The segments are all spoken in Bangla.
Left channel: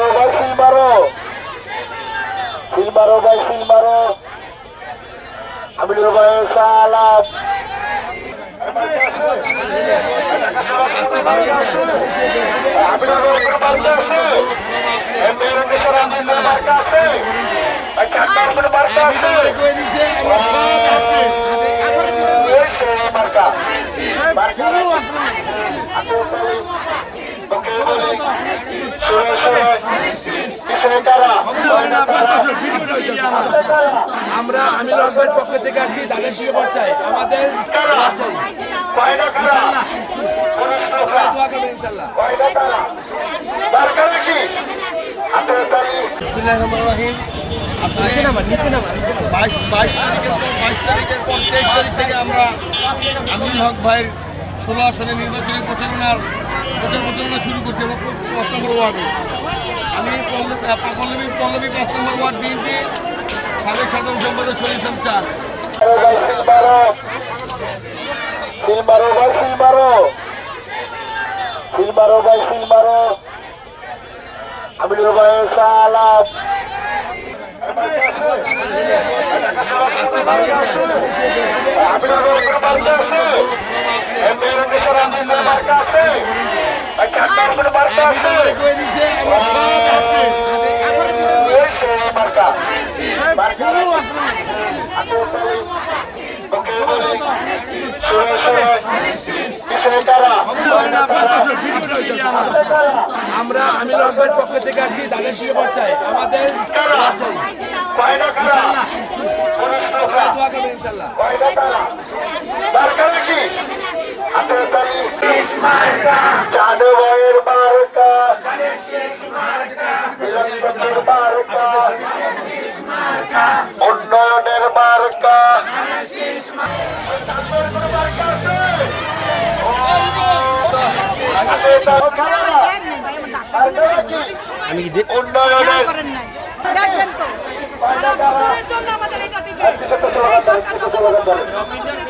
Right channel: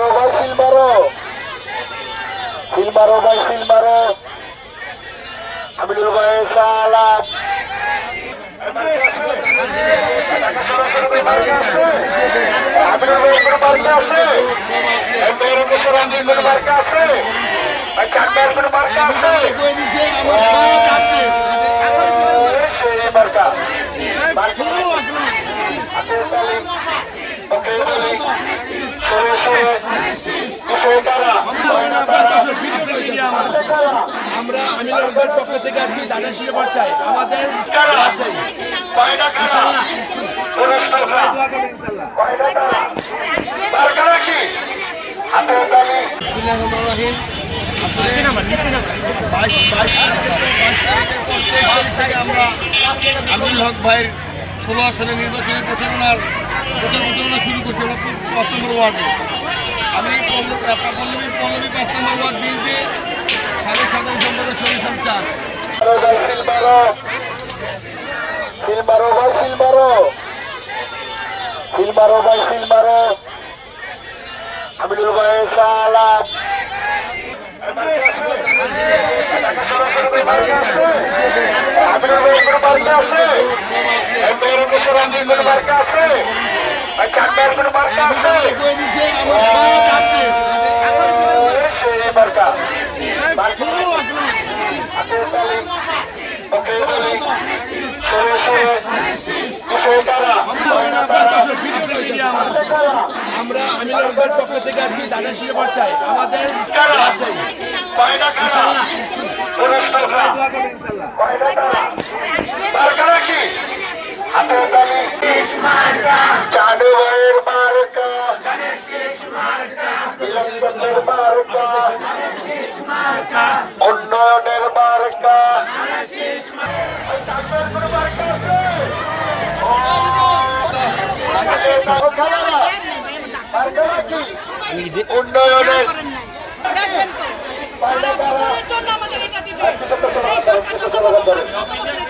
মারো ভাই সিল মারো। সিল মারো ভাই সিল মারো। আমিনুল ভাই সালাম মার্কা আমরা আমিনুল হকের পক্ষ থেকে আসছি দানের শিশু পর্যায়ে আমাদের বাইশ থেকে আমরা আমিনুল হক ভাইয়ের ষোলো আসনে নির্বাচনী প্রচারণার প্রচার প্রচারণা শুরু করছি নম্বর ওয়ার্ডে আমি পল্লবী পল্লবী পাঁচ নম্বর ওয়ার্ড বিএনপি সাবেক সাধারণ সম্পাদক শরীফ চান সিল মেয়ের দেশের আন্দোলনের মার্কা আছে ভাই চাকমার কোনো মার্কা আছে সেই মার্কা মার্কা ওকে বলি শুনে শুনে কিসে তারা আমরা আমি হকের পক্ষ থেকে আসছি দাদা শিশু চাই। আমাদের উন্নয়নের মার্কা। উন্নয়নের দেখবেন তো সারা বছরের জন্য আমাদের এটা দিবে। এই সরকার যত বছর থাকবে তত বছর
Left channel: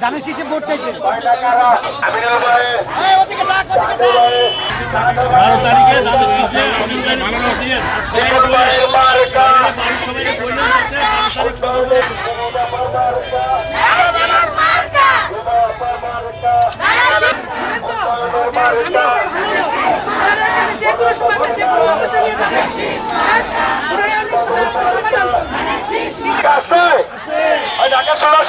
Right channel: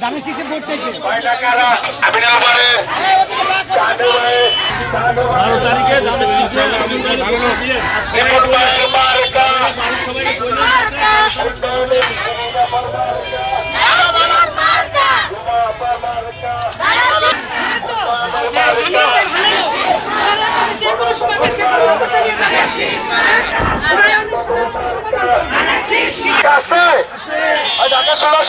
ধানের শীষে ভোট চাইছে। কয়টা কারা আমিনুল ভাইয়ের চাঁদু ভাইয়ের বিলম্ব ভাইয়ের মার্কা উন্নয়নের তো আমি ভাই ভালো লোক ওনারা এখানে যে কোনো সময় যে কোনো সময় চালিয়ে যাবে ওনারা অনেক সময় সমাধান আছে ঢাকা ষোলো